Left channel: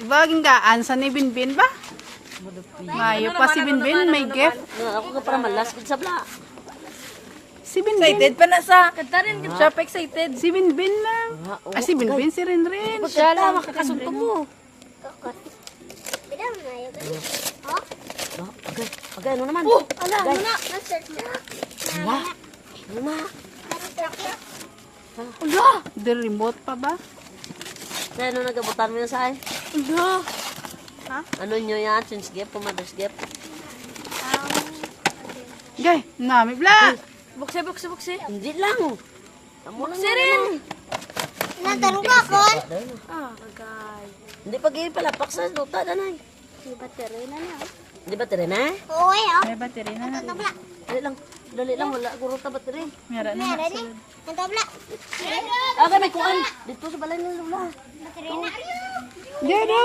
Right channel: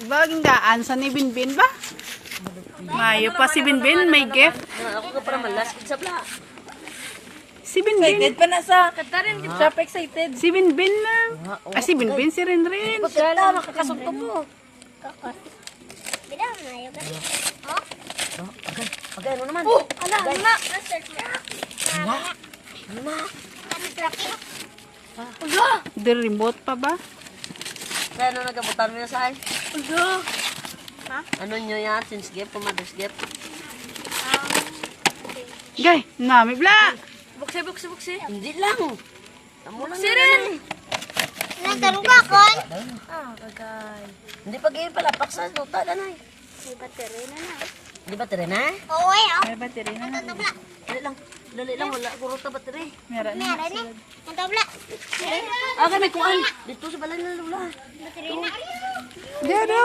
Baging daan sa ni Binbin ba? Mayo pa si Binbin, may gift. Ako ka para malas sa bla. Si Binbin. Excited pa na sa katarin. Siya pa excited. Si Binbin na. Si Binbin, si Renren. Siya lang makakasunto mo. Bidang na yun. Agay, ano naman? Ala, na. Start na. Ano ma? Ano truck yun? Di remote pa ba? Kaya ano nagabutan mo yun sa akin? Ha? Ano nyo yan? Since gift, mother's gift? Gay, nami bla. Buksi. Hindi lang. Tamo lang yan. Nantan ko ako. Hindi pa ganyan pala. Paksa, nuta na na. May battery na na. Hindi ba tira na? Oo, eh. May battery na na. Tabla. Dali lang. Wala. Guro ta battery. Meron na. Meron eh. Ang tabla. Okay, may kuan. Dito sa balay na lula. Battery na. Dado.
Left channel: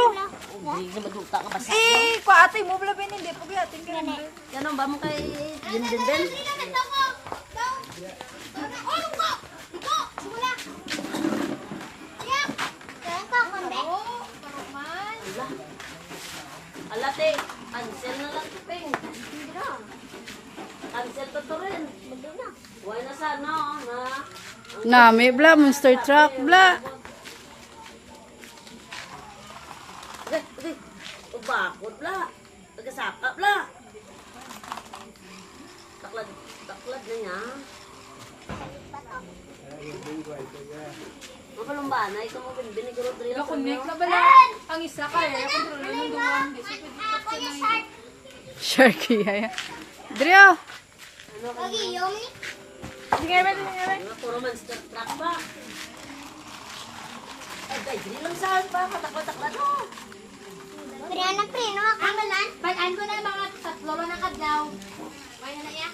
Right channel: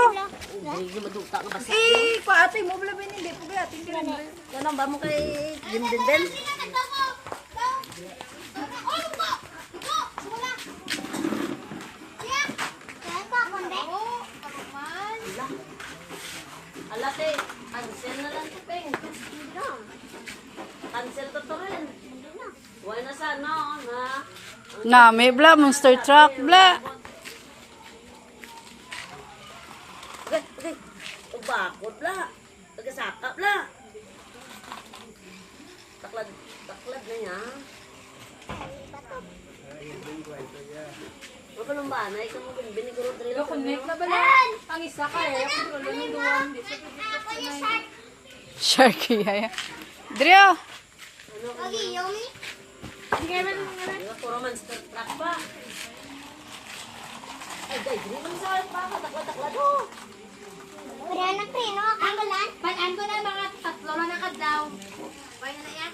Hindi na magdugta ka basa. Eh, ko ate mo bala binili. Paglatin ka na. Yan ang ba mo kay Jindindel? Kaya ko konde. Alate, cancel na lang ping. Cancel ko to rin. Huwag na sana, na. Nami bla, monster truck bla. Okay. Bakod la. Tagasaka la. Taklad na niya. Mapalumba na, ikaw mo biniguro drill. Connect na bala. Ang isa ka eh. Kontrolo ng duwan. Sharky haya. Drio. Okay, Yomi. Yung puro monster truck pa. Ay, drill lang saan pa. Taklad mo. Pero anak pre, no? Ang malan. Palaan ko na mga tatlo na kadlaw. Kaya na yan.